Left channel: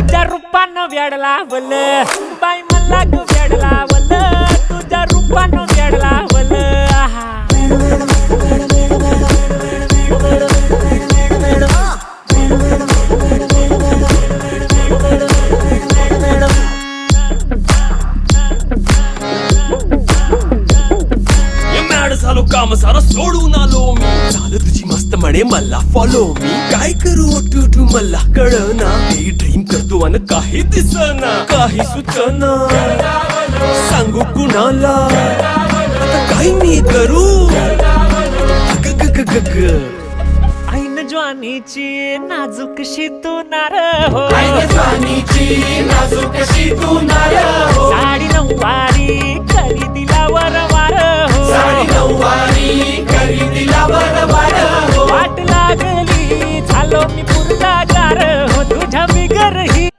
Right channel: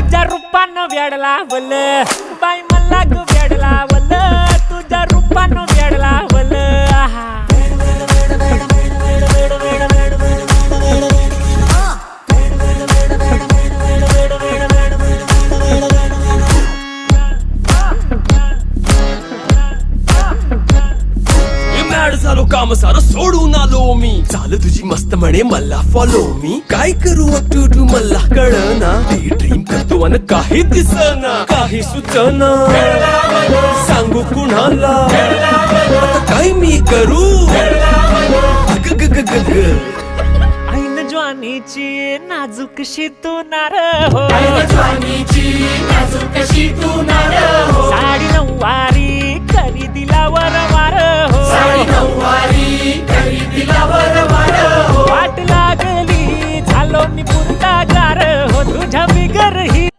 तुझ्या रूपानं वेड लावल बाई मला ग वेड लावल तुझ्या रूपानं वेड लावल आहा झालो काम सारं सोडून आलो मी चाल तुझी मस्त म्हणे मला फॉलो मी काय करू टू मला कळना ती ड्रीम करतो अन काही दिसना काही सुचना सांगू कुणाला आता काय मी करू अग ग ग ग ग ऐन ज्वानीची नाजूकशी तू नार हो साडी नऊवारी करी दिला वरवार हो वाट लागली झालो मी पुरता गार हो तुझ्या बिगर ही